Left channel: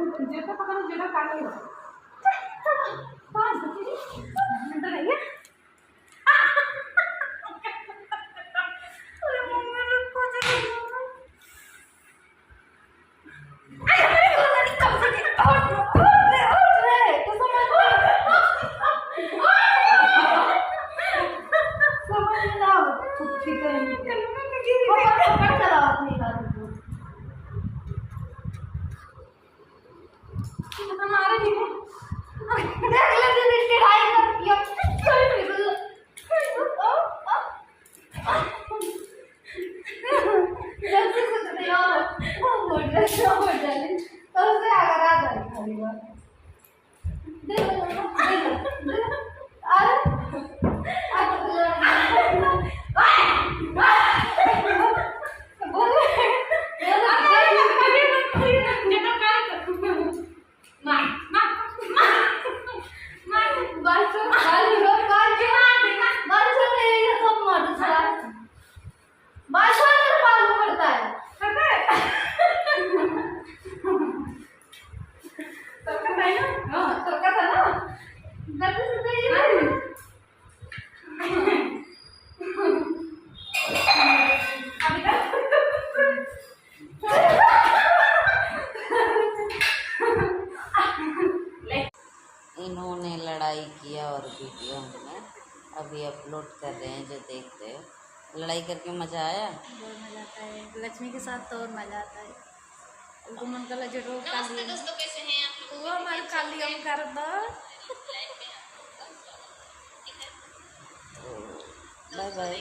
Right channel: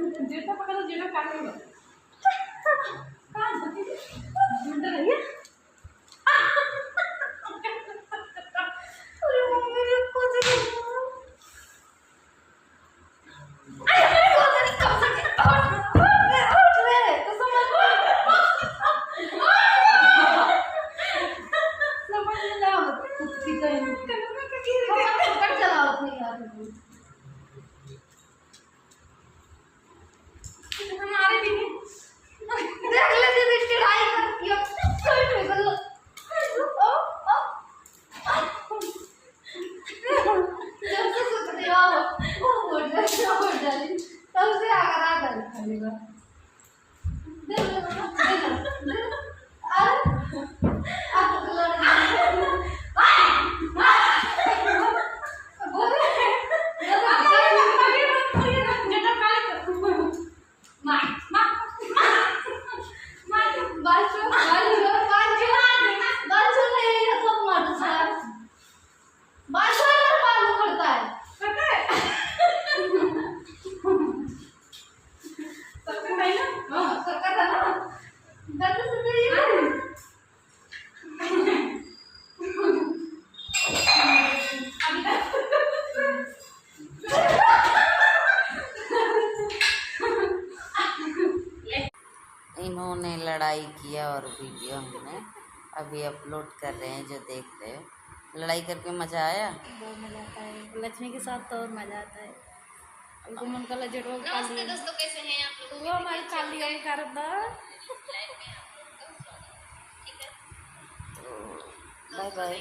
जेटा पकड़ो जेटा काटेगा कहाँ जाती है मिनट रही है अरे मम्मी रुको जरा हमारे भी देख ले दीदी चढ़ाई करती है कोई निकल लो जब से सुनते हो हो जाए तब से अगर आ जाए खाली बार दे लो अरे आप तो इन्होंने लड़ाई किया और वीडियो हमने अभी अपलोड कर रहे हैं, जो देख रहे हो। लड़ाई करके मजा आया, बहुत मजा आता है। लक्ष्मी के साथ तो और मजा आता है। गुमन का लजटो काली वो हमारे काली हम कर दो। Bye bye.